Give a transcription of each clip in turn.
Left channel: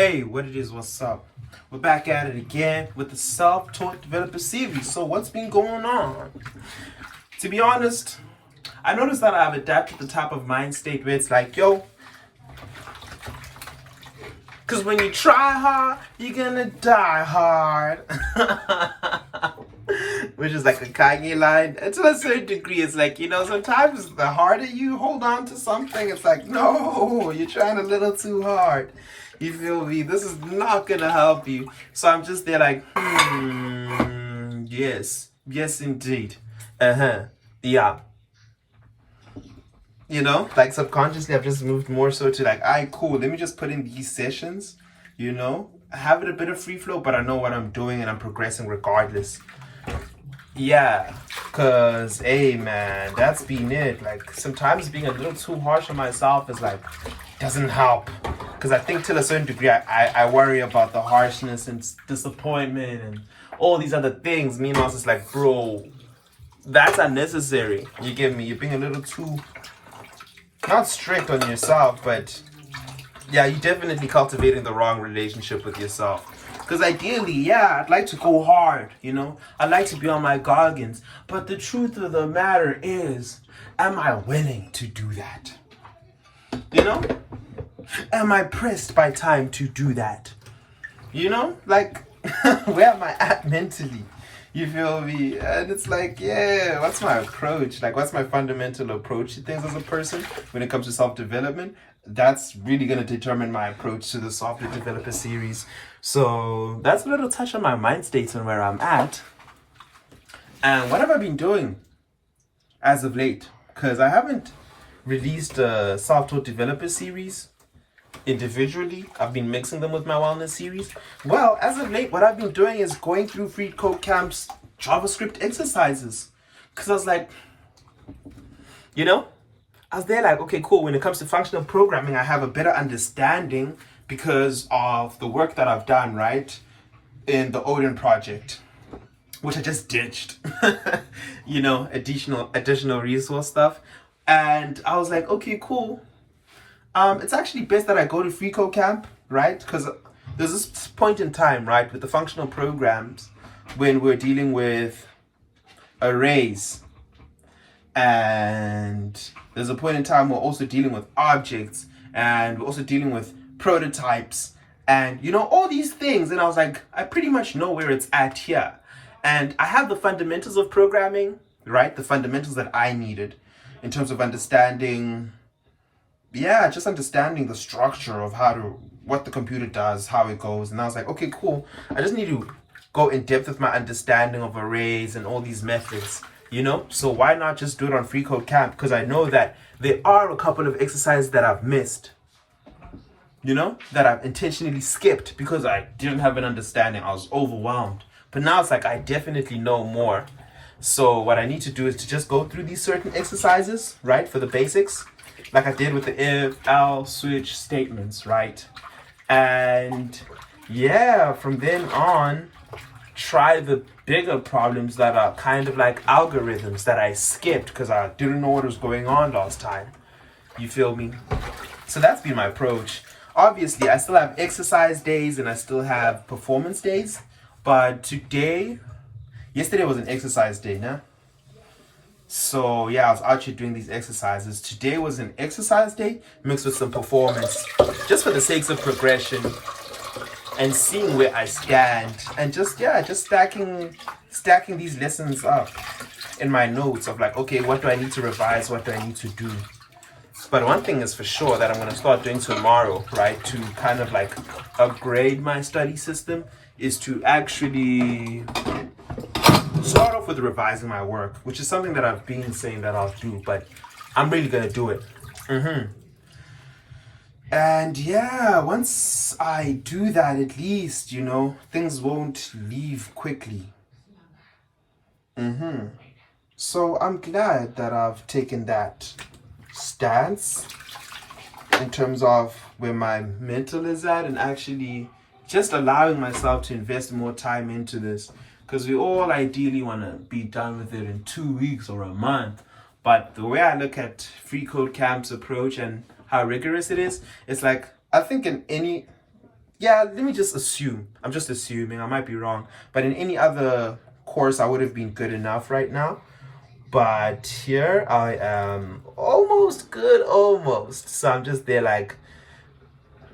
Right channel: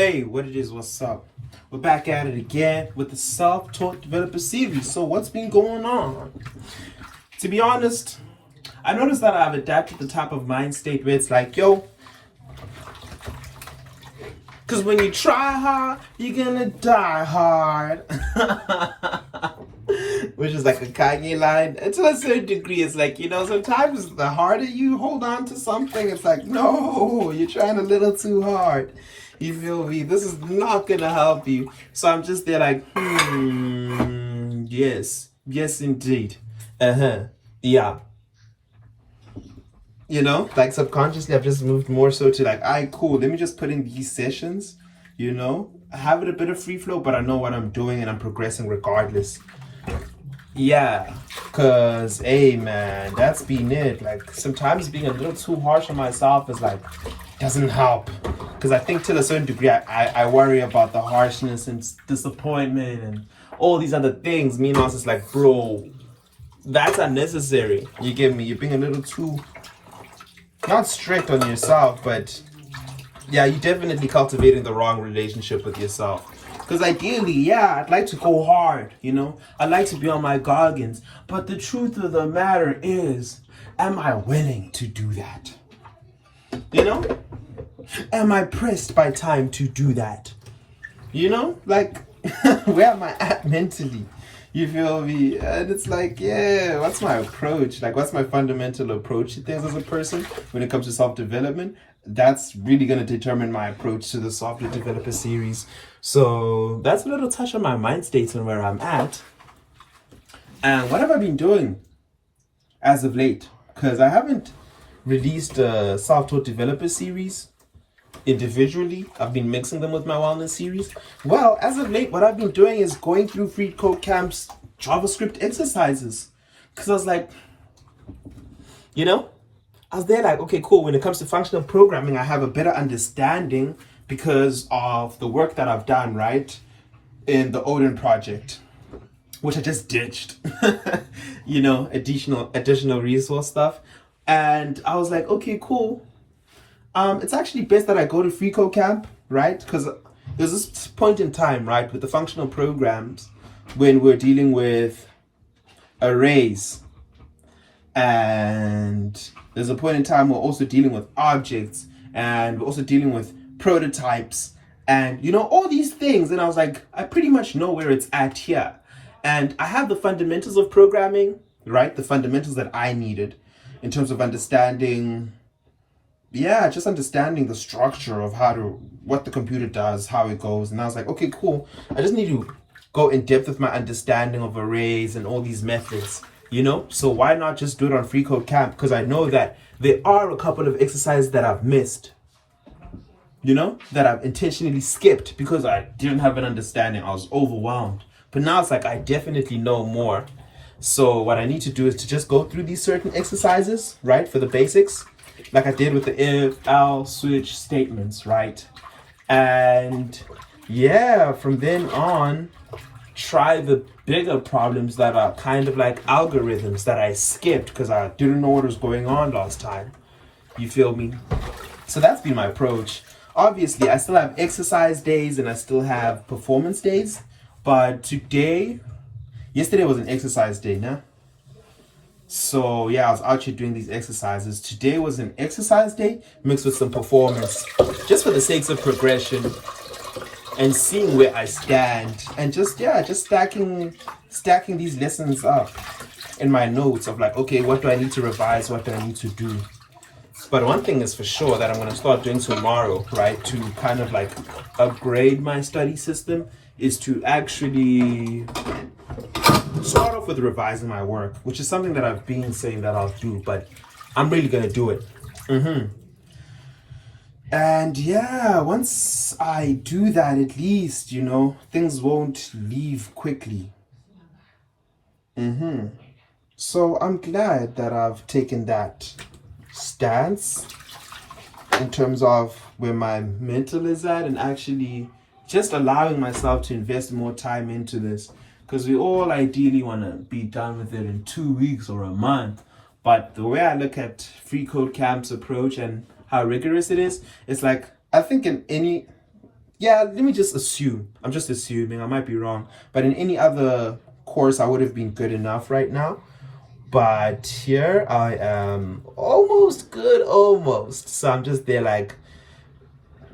Hey, what it is, what's up? We're back at it again with the self-taught developer series. So what's been going on? To be honest, I noticed that I've adapted the type of mind state where it's like, yo, because when you try hard, you're gonna die hard. Which is like a Kanye line. And to a certain degree, it's like, sometimes the harder you hold on to something, it's like, no, you're trying a little too hard. You feel me? This is not gonna help you. So I'm just there like, yes, indeed. Yeah. Like subconsciously, I've just moved more so to like, alright, cool, let me just put in these sessions, have it a bit of free flow, but I know what I'm doing and I'm progressing regardless. Yeah, because, hey man, that's been it. Like, sometimes being a little too harsh on myself is like, doesn't help. Because I think to a certain degree, I worry about the harshness and disappointment and all these other things. Meanwhile, it's just like, bro, that's unnecessary. You get me? You're being a little too, not strict on yourself, but yeah, you're definitely cultivating the wrong relationship with yourself. Because ideally, yeah, I'd like to go hard, I'd like to be on my goggins. But the truth of the matter is, am I willing to do that? Am I pressed by time to do that? Like, where am I at mentally? You feel me? And it's like, yeah, what's my approach? Like, what's my fundamental approach to things as a person when it comes to self-development? That's really going to determine my approach to the software developer series. So that's a little touch on my mind states and where I'm at. And what have I been doing as of late? Because I haven't released a self-taught developer series individually. I've been mixing them with my wellness series. Well, as of late, what I've been doing is going through Freecodecamp's JavaScript exercises. Because I was like, I was there like, okay, cool. When it comes to functional programming, I have a better understanding because of the work that I've done, right? In the Odin project, which I just ditched, additional resource stuff. And I was like, okay, cool. It's actually best that I go to Freecodecamp, right? Because there's this point in time, right, with the functional programs when we're dealing with arrays, and there's a point in time we're also dealing with objects, and we're also dealing with prototypes, and all these things. And I was like, I pretty much know where it's at here, and I have the fundamentals of programming, right? The fundamentals that I needed in terms of understanding, just understanding the structure of what the computer does, how it goes. And I was like, okay, cool. I just need to go in depth with my understanding of arrays and all these methods, So why not just do it on Freecodecamp? Because I know that there are a couple of exercises that I've missed, that I've intentionally skipped because I didn't have an understanding. I was overwhelmed. But now it's like I definitely know more. So what I need to do is to just go through these certain exercises, right, for the basics, like I did with the if, else, switch statements, right? And yeah, from then on, try the bigger problems that are kind of like algorithms that I skipped because I didn't know what was going on last time. You feel me? So that's been my approach. Obviously, I still have exercise days and I still have performance days. But yesterday was an exercise day, no? So yeah, I was out here doing these exercises. Today was an exercise day mixed with some performance, just for the sakes of progression and seeing where I stand, and just stacking these lessons up in my notes of like, okay, what do I need to revise? What do I need to do? But one thing is for sure that I'm going to start doing tomorrow, right, to kind of like upgrade my study system, is to actually start off with revising my work, which is something that I've been saying that I'll do, but I'm really going to do it. And yeah, once I do that, at least, things won't leave quickly. So I'm glad that I've taken that stance in terms of where my mental is at, and actually just allowing myself to invest more time into this. Because we all ideally want to be done with it in 2 weeks or a month. But the way I look at Freecodecamp's approach and how rigorous it is, it's like, I think in any yeah, let me just assume. I'm just assuming. I might be wrong. But in any other course, I would have been good enough right now. But here I am almost good, almost. So I'm just there like,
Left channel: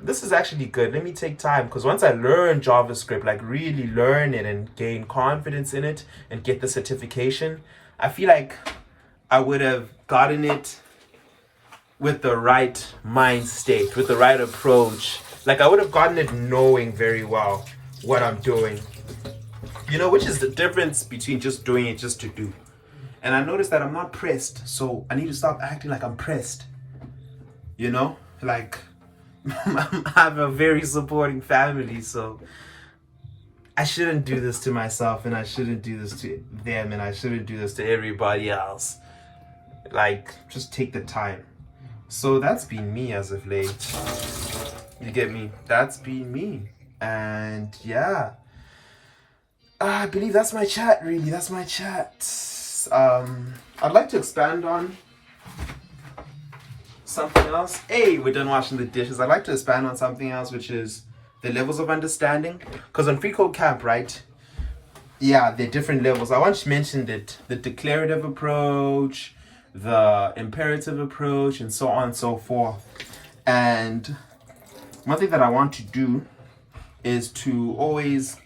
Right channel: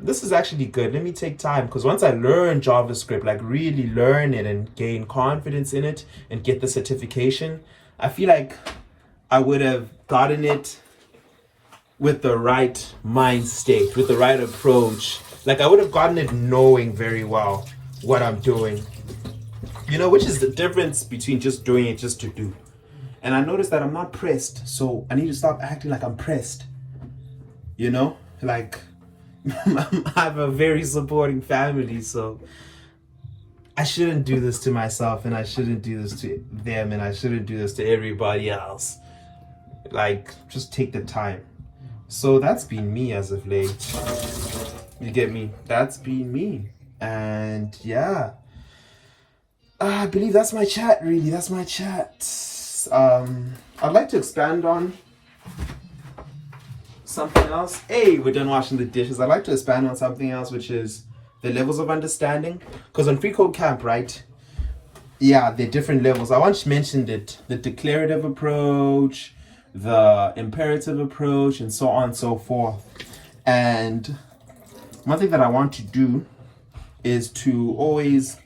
this is actually good. Let me take time, because once I learn JavaScript, like really learn it and gain confidence in it and get the certification, I feel like I would have gotten it with the right mind state, with the right approach. Like I would have gotten it knowing very well what I'm doing. You know, which is the difference between just doing it just to do. And I noticed that I'm not pressed, so I need to stop acting like I'm pressed. You know, like I have a very supporting family, so I shouldn't do this to myself, and I shouldn't do this to them, and I shouldn't do this to everybody else. Like, just take the time. So that's been me as of late. You get me? That's been me. And yeah, I believe that's my chat, really. That's my chat. I'd like to expand on something else. Hey, we're done washing the dishes. I'd like to expand on something else, which is the levels of understanding. Because on Freecodecamp, right? Yeah, there are different levels. I once mentioned it. The declarative approach, the imperative approach, and so on and so forth. And one thing that I want to do is to always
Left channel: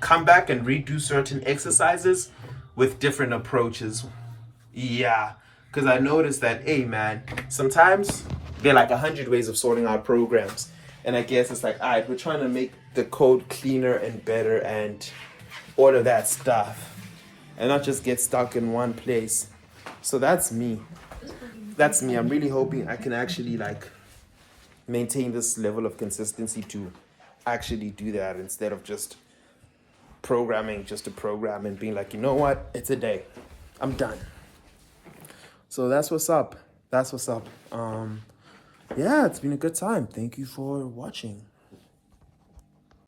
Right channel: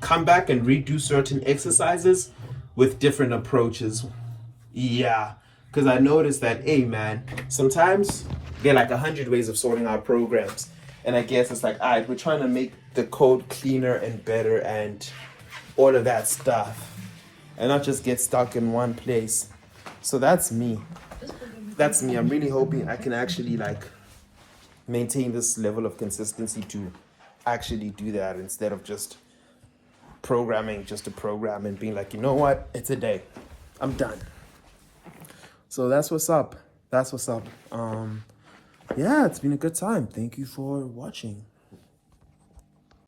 come back and redo certain exercises with different approaches. Yeah, because I noticed that, hey man, sometimes there are like 100 ways of sorting out programs. And I guess it's like, all right, we're trying to make the code cleaner and better and all of that stuff, and not just get stuck in one place. So that's me. That's me. I'm really hoping I can actually like maintain this level of consistency to actually do that, instead of just programming just to program and being like, you know what, it's a day, I'm done. So that's what's up. That's what's up. Yeah, it's been a good time. Thank you for watching.